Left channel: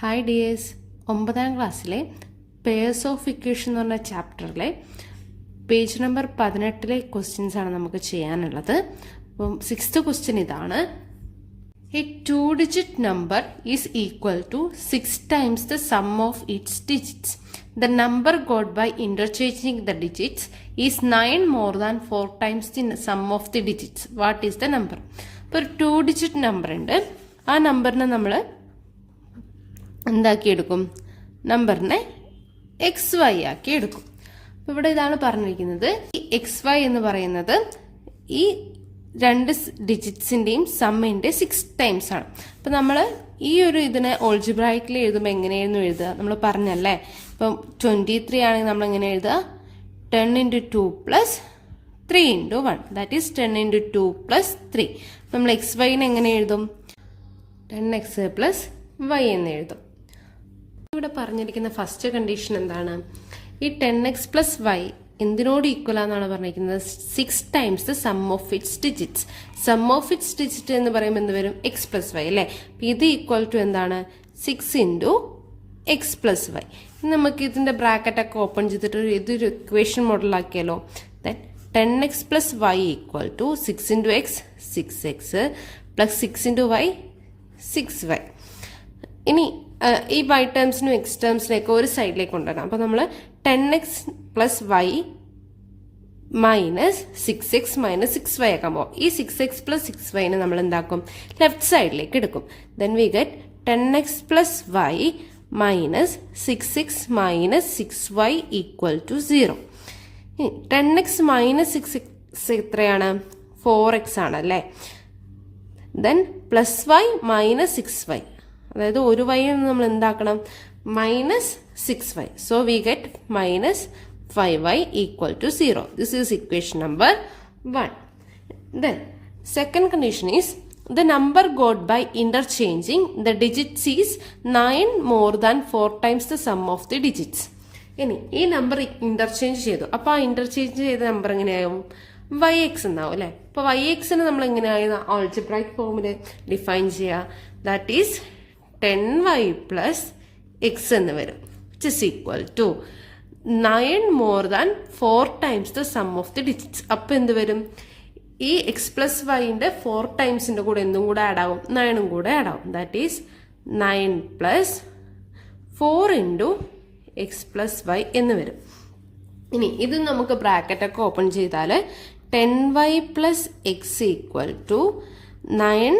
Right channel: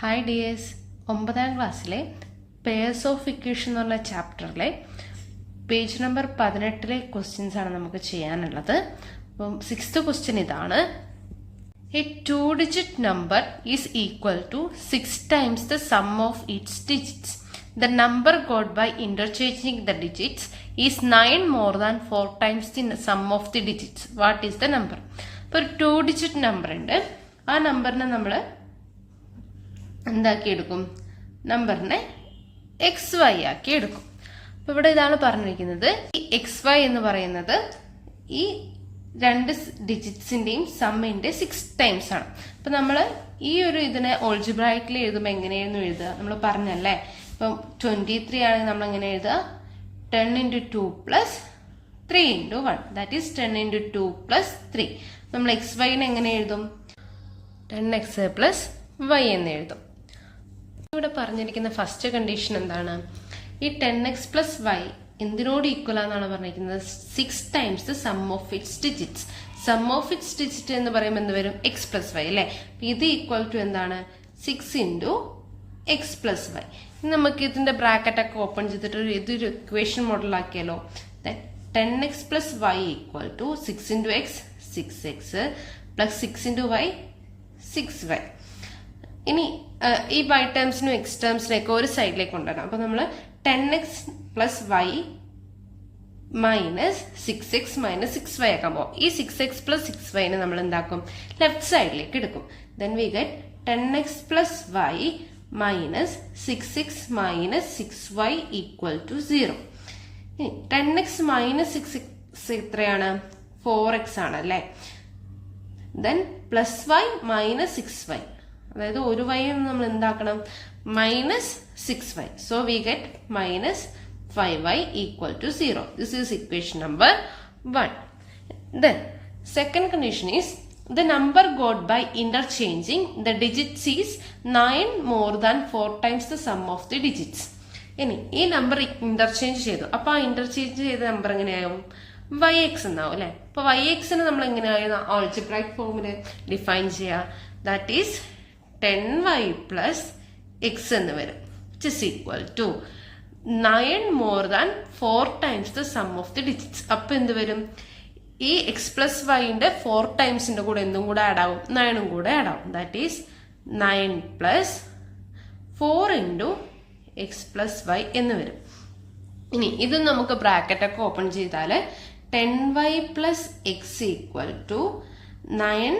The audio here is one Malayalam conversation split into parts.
ഹായ് ഡിയേഴ്സ്, 9ാം ക്ലാസ്സിലെ പേഴ്സ് ഓഫ് ഇക്വേഷൻ എന്ന് പറഞ്ഞ ചാപ്റ്ററിലെ പേജ് നമ്പർ 18 ക്വസ്റ്റ്യൻസ് ആണ് നമുക്ക് ചെയ്യാനുള്ളത്. അപ്പം 6th ക്വസ്റ്റ്യൻ ഇതാണ്. A 2-digit number is equal to 6 times the sum of its digits. The number got by interchanging the digits is 9 more than 4 times the sum of the digits. What is the number? ഇപ്പോൾ ഒരു 2-digit നമ്പർ ഉണ്ട്. ആ നമ്പറിനെ നമ്മൾ എന്താക്കിയെടുക്കും? നമ്പറിനെ XY ആക്കി എടുക്കും. അപ്പോൾ ഇവിടെ ഇതാണ് പറഞ്ഞിരിക്കുന്നത്. ഈ XY എന്ന് പറയുന്നത് ഈ രണ്ട് ഡിജിറ്റ്സിന്റെയും സമ്മിന്റെ 6 ടൈംസ് ആണ്. അപ്പൊ നമ്മൾ ഈ ഒരു ഇതിനെ ഓൾജിബ്രായിക്കിൽ എഴുതുമ്പോൾ എങ്ങനെയായിരുന്നു എഴുതുക? നമ്മൾ പറഞ്ഞല്ലേ, ഇപ്പം 23 ആണ് നമ്മൾ എങ്ങനെ എഴുതുക? 10 into 2 plus 3 into 1, that is 10 into 2 plus 3. നമ്മൾ XYനെ എങ്ങനെ എഴുതും? 10x plus y എന്ന് എഴുതും. ഇവിടെ പറഞ്ഞിരിക്കുന്ന ഫസ്റ്റ് കണ്ടീഷൻ എന്താണ്? ഈ 10x plus y എന്തിനോട് ഈക്വൽ ആണെന്നാണ് പറഞ്ഞിരിക്കുന്നത്? 6 times the sum of its digits. Sum of its digit എന്ന് പറയുമ്പോൾ എന്ത് വരും? x plus y അല്ലേ? ഇത് ഈക്വൽ ടു എന്താണ്? 6 into x plus y. നമുക്ക് ഇതിന്റെ ബ്രാക്കറ്റ് ഒക്കെ ഓപ്പൺ ചെയ്തിട്ട് ഇതൊരു ഇക്വേഷൻ മോഡൽ ആക്കിയാലോ? 10x plus y equal to 6 into x 6x plus 6 into y 6y. ഇനി ഈ y ടേംസിനും x ടേംസിനൊക്കെ ഒരു സൈഡിലേക്ക് കൊണ്ടുവരണം. അപ്പൊ നമ്മൾ 10x plus y minus 6x minus 6y ആക്കാൻ പോകും. ഈ 6x plus 6y നെ നമ്മൾ എന്താക്കും? ലെഫ്റ്റ് സൈഡിലേക്ക് എടുക്കും. Then we get 10x plus y minus 6x minus 6y equal to 0. ഇനി 10x മൈനസ് 6x എത്രയാണ്? 4x ആണ് അല്ലേ? Then plus y minus 6y, അതായത് ഒരു y നമ്മൾ എന്താക്കണം? Minus 6y. So we get minus 5y equal to 0. This is equation number 1. Then second condition is the number got by interchanging the digits is 9 more than 4 times the sum of the digits. ഇനി ഈ നമ്പർ ഇന്റർചേഞ്ച് ചെയ്തു. അപ്പൊ ആ ഇന്റർചേഞ്ച് ചെയ്ത നമ്പർ എങ്ങനെയാവും? yx എന്നാവും അല്ലെ? അപ്പൊ yxനെ നമ്മൾ എങ്ങനെയായിരുന്നു ആൾജിബ്രൈക് ഫോമില് ഡിഫൈൻ ചെയ്യുക? That is 10y plus x എന്ന് വരും, which is equal to 9 more than 4 times the sum of the digits. അപ്പൊ എന്ത് വരും? ഈ x plus yന്റെ 4 ടൈംസിന്റെ കൂടെ എന്തും കൂടെ ആഡ് ആവും? 9 കൂടെ ആഡ് ആവും. That is 9 plus 4 into x plus y എന്ന് വരും. ഇനി ഇത് നമുക്ക് ബ്രാക്കറ്റ് ഒക്കെ ഓപ്പൺ ചെയ്താൽ 10y plus x equal to 9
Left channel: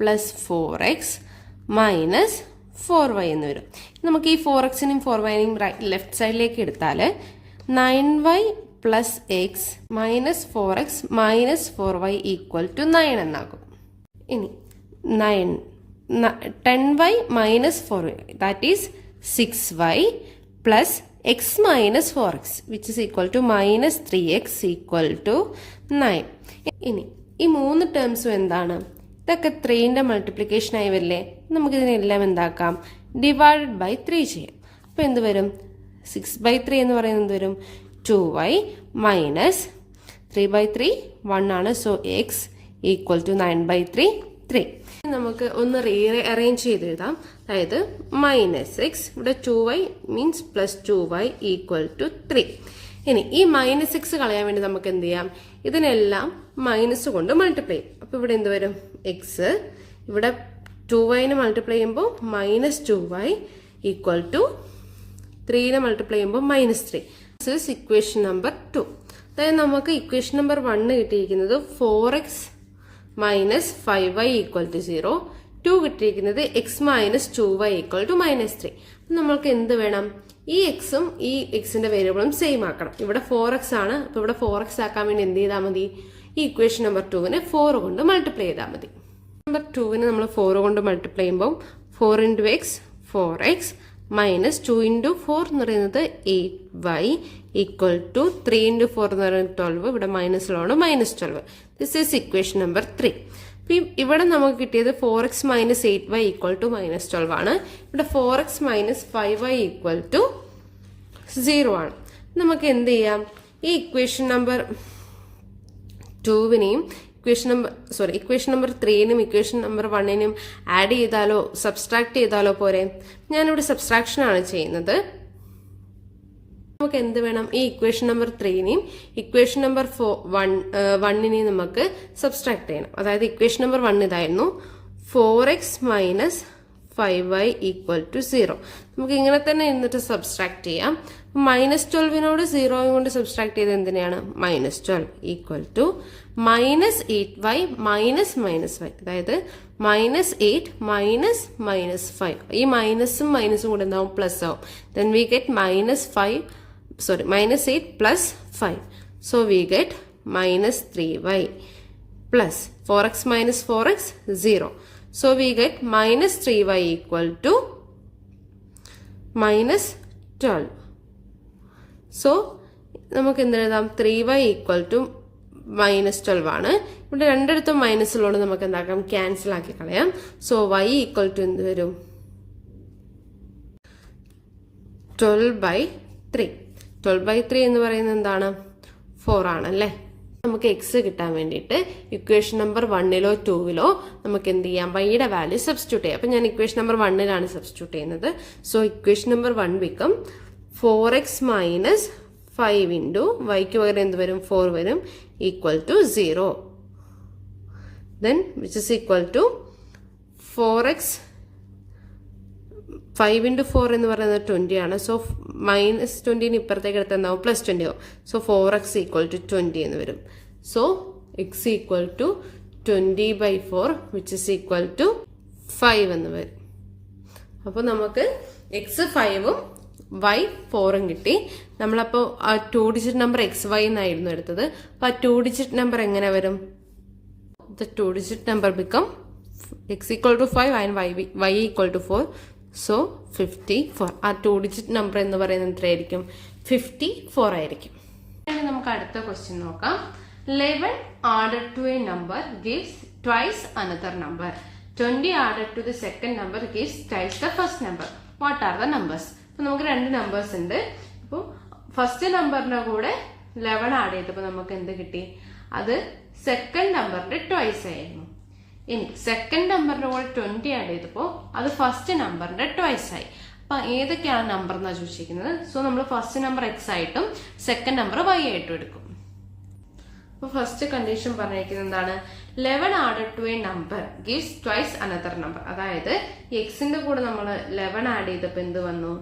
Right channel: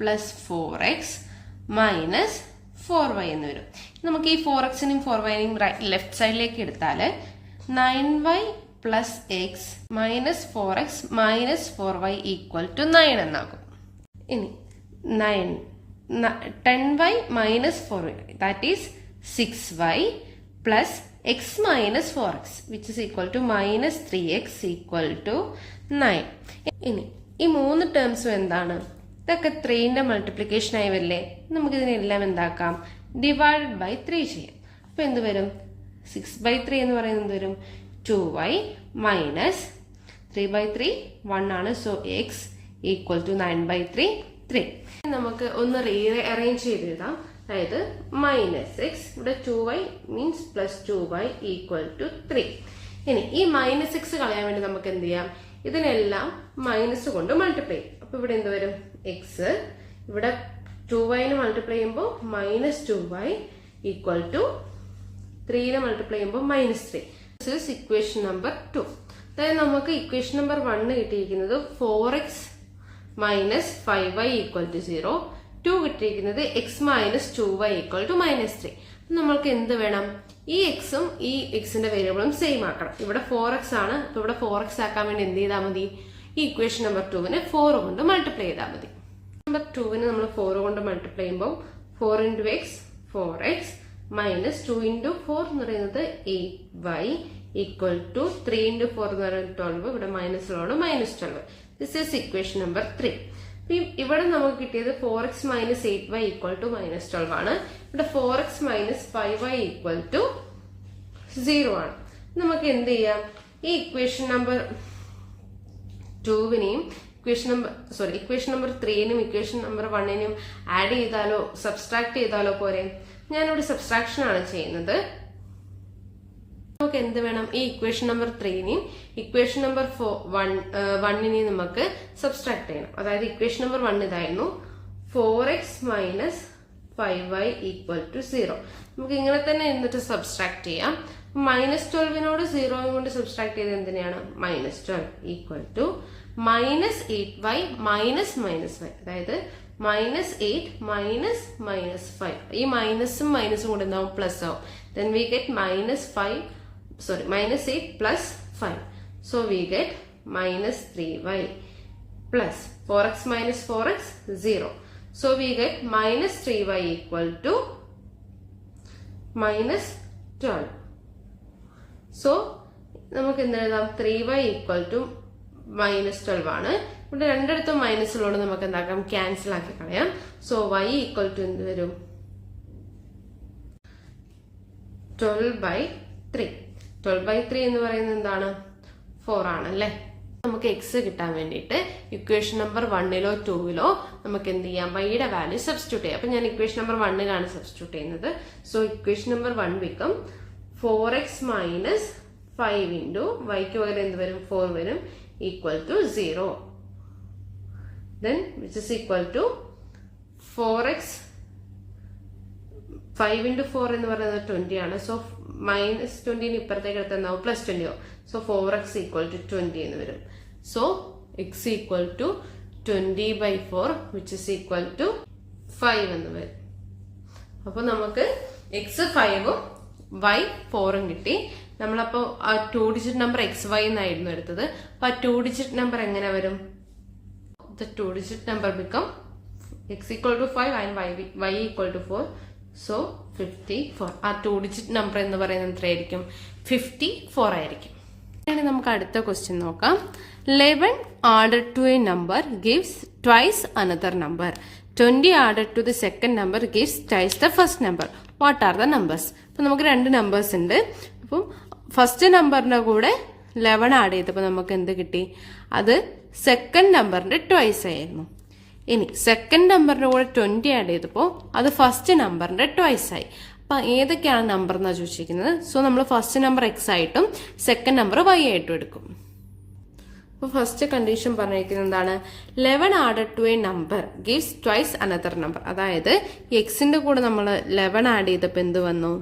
plus 4x minus 4y എന്ന് വരും. നമുക്ക് ഈ 4xനെയും 4yനെയും ലെഫ്റ്റ് സൈഡിലേക്ക് എടുത്താൽ 9y plus x minus 4x minus 4y equal to 9 എന്നാകും. ഇനി 10y മൈനസ് 4y, that is 6y plus x minus 4x which is equal to minus 3x equal to 9. ഇനി ഈ മൂന്ന് ടേംസും എന്താണ്? ഇതൊക്കെ 3ന്റെ മൾട്ടിപ്ലിക്കേഷൻ ആയി വരില്ലേ? നമുക്ക് ഇതിനെല്ലാം എന്താക്കാം? ഡിവൈഡഡ് ബൈ 3 ചെയ്യാം. അപ്പൊ എന്ത് വരും? 6/3 എന്ന് പറയുന്നത് എന്ത് വരും? 2y മൈനസ് 3/3 1 ആണ്. So x equal to 9/3 3. നമുക്ക് ഒന്ന് അറേഞ്ച് ചെയ്ത് എഴുതാം. അതായത് മൈനസ് എക്സ്, ഇവിടെ 2y means plus 2y equal to 3. ഇനി ഈ മൈനസ് എക്സ് കളയാൻ വേണ്ടി നമുക്ക് എന്ത് ചെയ്യാം? ഇതിനെല്ലാം മൈനസ് കൊണ്ട് മൾട്ടിപ്ലൈ ചെയ്യും. അപ്പൊ ഇവിടെ എന്ത് വരും? എക്സ്, ഇവിടെ 2yനെ മൾട്ടിപ്ലൈ ചെയ്യുമ്പോൾ മൈനസ് 2y ഈക്വൽ ടു 3നെ മൾട്ടിപ്ലൈ ചെയ്യുമ്പോൾ minus 3. This is equation number 2. അതായത് നമുക്ക് ഇക്വേഷൻ നമ്പർ 1 കിട്ടിയിരിക്കുന്നത് 4x minus 5y equal to 0. 2 കിട്ടിയിരിക്കുന്നത് x minus 2y equal to minus 3. നമ്മൾക്ക് എന്ത് വേണം? ഈ എക്സും ഈ എക്സിന്റെ വേരിയബിളും സെയിം ആക്കണം. ഇവിടെ 4x ആണ്. അപ്പൊ ഇവിടെ 4x ആക്കാൻ വേണ്ടി എന്ത് ചെയ്താൽ മതി? ഈ ഇക്വേഷൻ നമ്പർ 2നെ 4 കൊണ്ട് മൾട്ടിപ്ലൈ ചെയ്താൽ മതി. നമ്പർ 2നെ നമ്മൾ 4 കൊണ്ട് മൾട്ടിപ്ലൈ ചെയ്യുമ്പോൾ 4 into x 4x minus 2 into 4 എന്ന് പറയുന്നത് 8y ഈക്വൽ ടു 3 into 4 എന്ന് പറയുന്നത് 12. ഇവിടെ മൈനസിലാണ് minus 12. This is equation number 3. ഇവിടെ നമുക്ക് കിട്ടിയത് 4x minus 8y equal to minus 12 ആണ്. ഇവിടെ 4x minus 5y equal to 0 ആണ്. നമുക്ക് എന്ത് ചെയ്യാം? ഈ ഇക്വേഷൻ നമ്പർ 2വിനെയും ഇക്വേഷൻ നമ്പർ 3നും ഇക്വേഷൻ നമ്പർ 1നും ആഡ് ചെയ്താലോ സബ്സ്ട്രാക്ട് ചെയ്താലോ പോരെ? ഞാനിവിടെ സബ്സ്ട്രാക്ഷൻ ആണ് ചെയ്യുന്നത്. നമുക്ക് എന്ത് വേണം? ഈ ഇക്വേഷൻ നമ്പർ 3നെയും ഇക്വേഷൻ നമ്പർ 1നെയും നമുക്ക് സബ്സ്ട്രാക്ട് ചെയ്യണം. അതായത് ഇക്വേഷൻ നമ്പർ 1 ഇതായിരുന്നു, 4x minus 5y equal to 0. നമുക്ക് ഇങ്ങനെ തന്നെ എന്നിട്ട് സബ്സ്ട്രാക്ട് ചെയ്യാം. -12നോട് 0 കൊണ്ട് സബ്സ്ട്രാക്ട് ചെയ്ത് എന്തിനാണ്? -12 equal to -8y minus -y. അതായത് -8 മൈനസ് -5. ഈ മൈനസും മൈനസും കൂടെ എന്താവും? പ്ലസ് ആവും. Then we get -8 plus 5. So we get -3y plus 4x minus 4x 0. So we get -3y equal to -12. So നമുക്ക് എന്ത് എഴുതാം? 3y equal to -12 ആണ്. ഇവിടെ രണ്ടിടത്തും മൈനസിലോട് നമുക്ക് എന്താക്കാം? ക്യാൻസൽ ആക്കി കളയാം. സോ y ഈക്വൽ ടു എന്ത് വരും? 12/3. 12/3 എന്ന് പറയുന്നത് എന്താണ്? 4 ആണല്ലേ. നമുക്ക് എക്സ് കിട്ടാൻ വേണ്ടിയിട്ട് ഇക്വേഷൻ നമ്പർ 1ലോ 2ലോ നമുക്ക് എന്ത് ചെയ്യാം? വൈയുടെ വാല്യൂ സബ്സ്റ്റിറ്റ്യൂട്ട് ചെയ്യാം. അപ്പൊ ഞാൻ ഇക്വേഷൻ നമ്പർ 1ലാണ് സബ്സ്റ്റിറ്റ്യൂട്ട് ചെയ്യുന്നത്. So equation number 1 become 4x minus 5 into വൈക്ക് പകരം എന്ത് വരും? 4 വരും, equal to 0. Then which is equal to 4x 5 into 4 എന്ന് പറയുന്നത് 20 ആണ്. സോ -20 ഇപ്പുറത്തേക്ക് എടുത്ത് എന്താവും? +20 ആവും. സോ 4x ഈക്വൽ ടു 20 എന്ന് വരും. So x equal to 20/4 which is equal to 5 എന്ന് വരും. അപ്പൊ നമുക്ക് എക്സ് 5ഉം y 4ഉം കിട്ടി. നമ്മളപ്പോ ആ 2 ഡിജിറ്റ് നമ്പർ XY എന്നായിരുന്നു എടുത്തത്. അപ്പൊ ആ 2 ഡിജിറ്റ് നമ്പർ എങ്ങനെ വരും? The 2 digit number become x equal to 5 and y equal to 4. So 54. ആ 2 digit number എന്ന് പറയുന്നത് എത്രയായിരിക്കും? 54 ആയിരിക്കും. ഇനി നമുക്ക് അടുത്ത ക്വസ്റ്റ്യൻ നോക്കാം. 11 added to a number gives twice another number. 20 added to the second number gives twice the first number. What are the numbers? അപ്പൊ നമുക്ക് രണ്ട് നമ്പേഴ്സ് ഉണ്ട്. അപ്പം ഫസ്റ്റ് നമ്പറിന്റെ കൂടെ 11 ആഡ് ചെയ്തപ്പോൾ നമുക്ക് എന്ത് കിട്ടി? അത് സെക്കൻഡ് നമ്പറിന്റെ ട്വൈസ് ആയിരുന്നു. ഇനി സെക്കൻഡ് നമ്പറിന്റെ കൂടെ 20 ആഡ് ചെയ്തപ്പോൾ അത് ഫസ്റ്റ് നമ്പറിന്റെ ട്വൈസ് ആയി. അപ്പൊ ഏതൊക്കെയാണ് നമ്പർ എന്നാണ് ചോദിച്ചിരിക്കുന്നത്. സോ നമ്മൾ ഫസ്റ്റ് നമ്പർ x ആയിട്ടും സെക്കൻഡ് നമ്പർ y ആയിട്ടും എടുക്കും. അപ്പൊ ഫസ്റ്റ് കണ്ടീഷൻ പറഞ്ഞിരിക്കുന്നത് എന്താണ്? 11 added to a number gives twice another number. അതായത് എക്സിന്റെ കൂടെ നമ്മൾ 11 ആഡ് ചെയ്തപ്പോൾ എന്ത് വന്നു?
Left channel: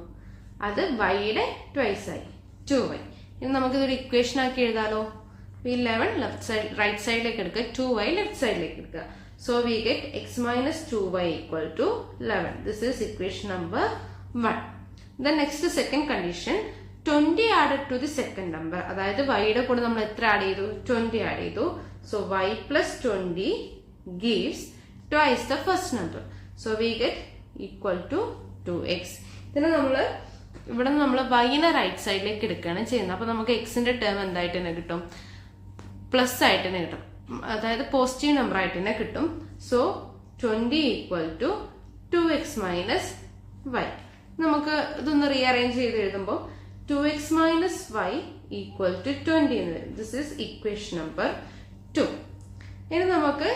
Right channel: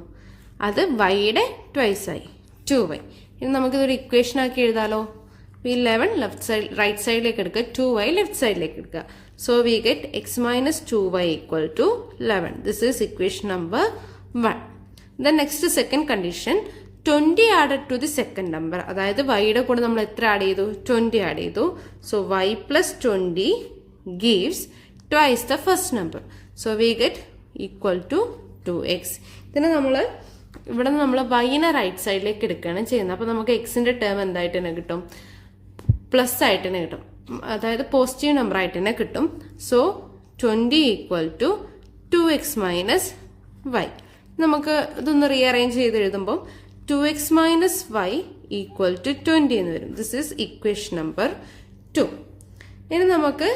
അത് വൈയുടെ ട്വൈസ് ആയി, 2y. ഇനി നമുക്കിതൊരു ഇക്വേഷൻ ആക്കി എഴുതാലോ. 11 ലെഫ്റ്റ് സൈഡ് റൈറ്റ് സൈഡിലേക്ക് എടുക്കുക, 2y ലെഫ്റ്റ് സൈഡിലേക്ക് എടുക്കുക. So we get x minus 2y equal to 11. This is equation number 1. Then next second condition, 20 added to the second number. അതായത് വൈയുടെ കൂടെ നമ്മൾ എത്ര ആഡ് ചെയ്തു? 20 ആഡ് ചെയ്തു. So y plus 20 gives twice the first number. So we get equal to 2x. ഇതിനെ ഇവിടെ നമ്മൾ വൈനെ റൈറ്റ് സൈഡിലേക്ക് എടുക്കുകയാണ് ചെയ്യുന്നത്. അപ്പൊ നമുക്ക് എക്സിന്റെ ടേം എന്തായിട്ട് തന്നെ കിട്ടും? പ്ലസ് ആയിട്ട് തന്നെ കിട്ടും. അതായത് പോസിറ്റീവ് നമ്പർ ആയിട്ട് തന്നെ കിട്ടും. So 20 equal to 2x minus y. നമുക്ക് ഇതൊന്ന് റീഅറേഞ്ച് ചെയ്ത് എഴുതുമ്പോൾ 2x minus y equal to 20 എന്ന് വരും. This is equation number 2. ഇനി നമുക്ക്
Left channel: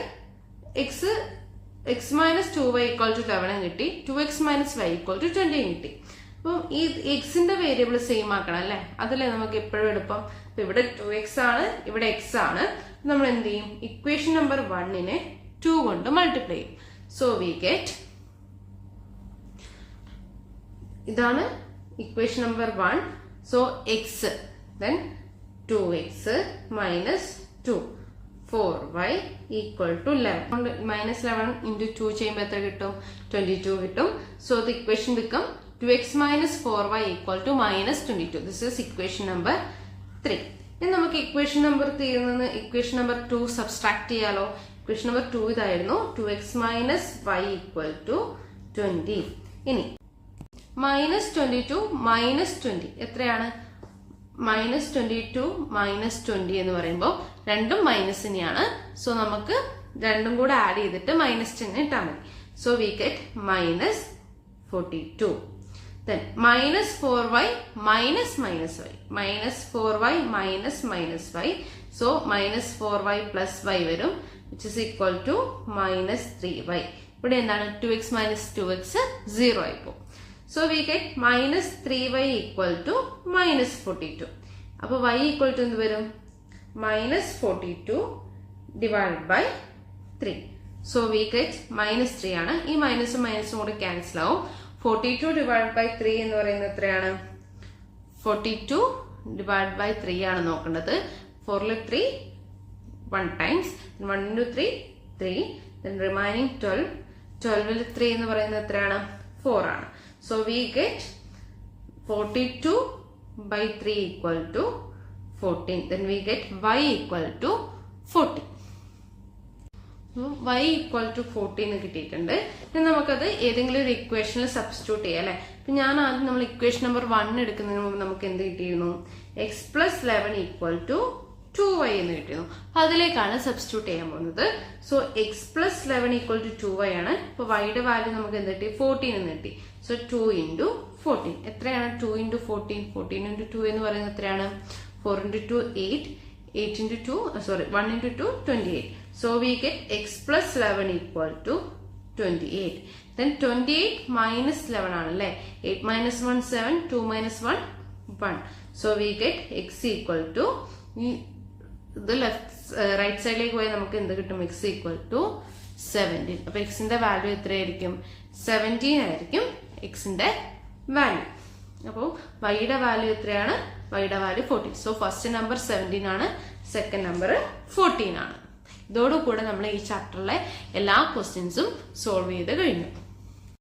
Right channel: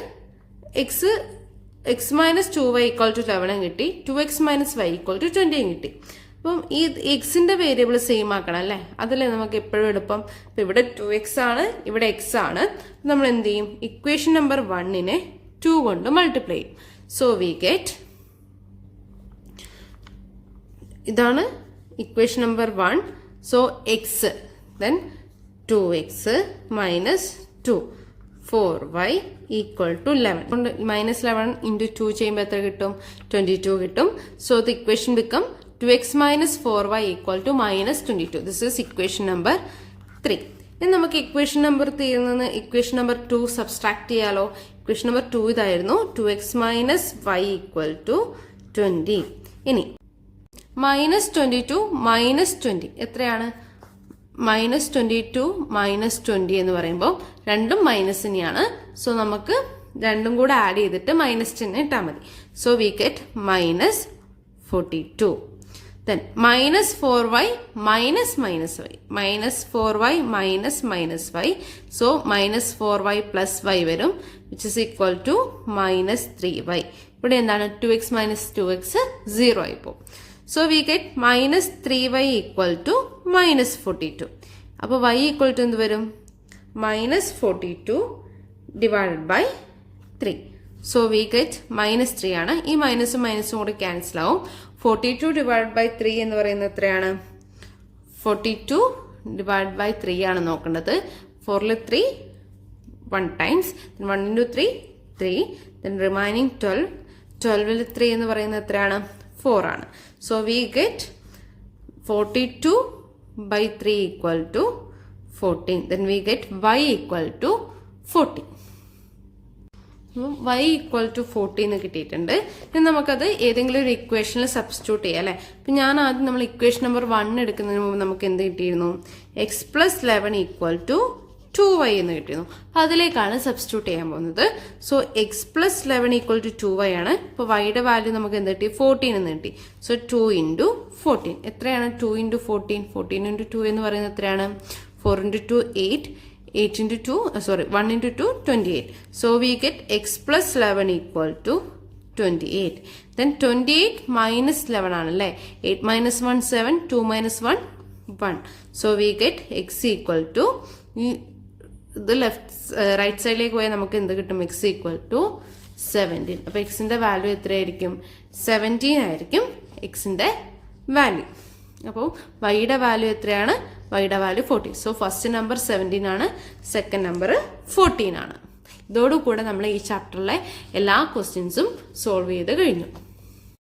x minus 2y equal to 11 കിട്ടി, 2x minus y equal to 20 കിട്ടി. അപ്പം ഈ എക്സിന്റെ വേരിയബിൾ സെയിം ആക്കണം അല്ലെ? അതല്ലേ നമുക്ക് എപ്പോഴും എളുപ്പം. അപ്പൊ ഇവിടെ 2x ആണ്, ഇവിടെ x ആണ്. നമ്മൾ എന്ത് ചെയ്യും? ഇക്വേഷൻ നമ്പർ 1നെ 2 കൊണ്ട് മൾട്ടിപ്ലൈ ചെയ്യും. സോ വി ഗെറ്റ്, ഇതാണ് equation number 1. So x, then 2x minus 2 4y equal to 11. Minus 11 into 2 ചെയ്യുമ്പോൾ എത്ര കിട്ടും? 22 കിട്ടും. So the equation become 2x minus 4y equal to minus 22. This is equation number 3. ഇനി നമുക്ക് ഇക്വേഷൻ നമ്പർ 3യിൽ നിന്ന് ഇക്വേഷൻ നമ്പർ 2 സബ്സ്ട്രാക്ട് ചെയ്യാലോ. ഇക്വേഷൻ നമ്പർ 2 ഇതായിരുന്നു, 2x minus y equal to 20. ഇനി minus 22 minus 20 എത്രയാണ്? minus 22 minus 20 എന്ന് പറയുമ്പോൾ രണ്ടും മൈനസ് തന്നെയാണ്. സോ നമുക്ക് രണ്ടും കൂടെ ആഡ് ചെയ്തിട്ട് മൈനസ് ചിഹ്നം ഇട്ടാൽ മതി. So we get minus 42. Then minus 4y minus minus y. Minus 4y minus minus y. So minus 4y plus y വരും. which is equal to minus 3y. ഇവിടെ എന്താണ് 2x minus 2x 0 ആയി പോകും. So we get minus 3y equal to minus 42. അപ്പോൾ y equal to എന്ത് വരും? minus 42 divided by 3. So we get minus 3 ആണ്. ഈ മൈനസും മൈനസും കൂടി ക്യാൻസൽ ആവും. 42 divided by 3 എന്ന് പറയുന്നത് എത്രയാണ്? 42 divided by 3 ആണ് നോക്കേണ്ടത്. 4ൽ 3 1 times, then 1 into 3 3, then remaining 12. 12ൽ 3 എന്ന് പറയുന്നത് എത്രയാണ്? 4 ആണ്. So we get 42 by 3 equal to 14. Then we get y equal to 14. y equal to 14 കിട്ടിയിട്ടുണ്ട്. ഇനി നമുക്കത് ഏതെങ്കിലും ഒരു ഇക്വേഷനിൽ സബ്സ്റ്റിറ്റ്യൂട്ട് ചെയ്യാം അല്ലെ. അപ്പൊ ഞാൻ ആദ്യം നമ്മൾ ഇക്വേഷൻ നമ്പർ 1 എടുക്കുന്നതിന് മുമ്പ് നമുക്ക് എന്ത് കിട്ടിയിരുന്നു? x plus 11 equal to 2y എന്ന് കിട്ടിയിരുന്നു. അതിലേക്കാണ് സബ്സ്റ്റിറ്റ്യൂട്ട് ചെയ്യാൻ പോകുന്നത്. So x plus 11 equal to 2y ആണ്. ഇപ്പൊ yയുടെ വാല്യൂ നമുക്ക് എന്ത് കിട്ടി? 14 എന്ന് കിട്ടി. സോ 2 into 14 എത്രയാണ്? 2 into 14. 14 into 2 എന്ന് പറയുന്നത് എത്രയാണ്? 4 into 2 8. 8 into 2, 1 into 2, 28. So we get x plus 11 equal to 28. Then 28 minus 11 ആണല്ലേ. 8 minus 1 7, 2 minus 1 1. So we get x equal to ഇത് റൈറ്റ് സൈഡിലേക്ക് പോയാൽ നമുക്ക് എന്ത് കിട്ടും? x equal to 17. അപ്പൊ എക്സിന്റെ വാല്യൂ എത്രയായിരിക്കും? 17 ആയിരിക്കും എക്സിന്റെ വാല്യൂ. അപ്പോൾ വൈയുടെ വാല്യൂ എത്രയാണ്? വൈയുടെ വാല്യൂ 14. സോ ഫസ്റ്റ് നമ്പർ 17 ആണ്, സെക്കൻഡ് നമ്പർ 14 ആണ്. ഇതോടുകൂടെ നമ്മൾ ഈ ചാപ്റ്ററിലെ എല്ലാ ക്വസ്റ്റ്യൻസും സോൾവ് ചെയ്ത് കഴിഞ്ഞു.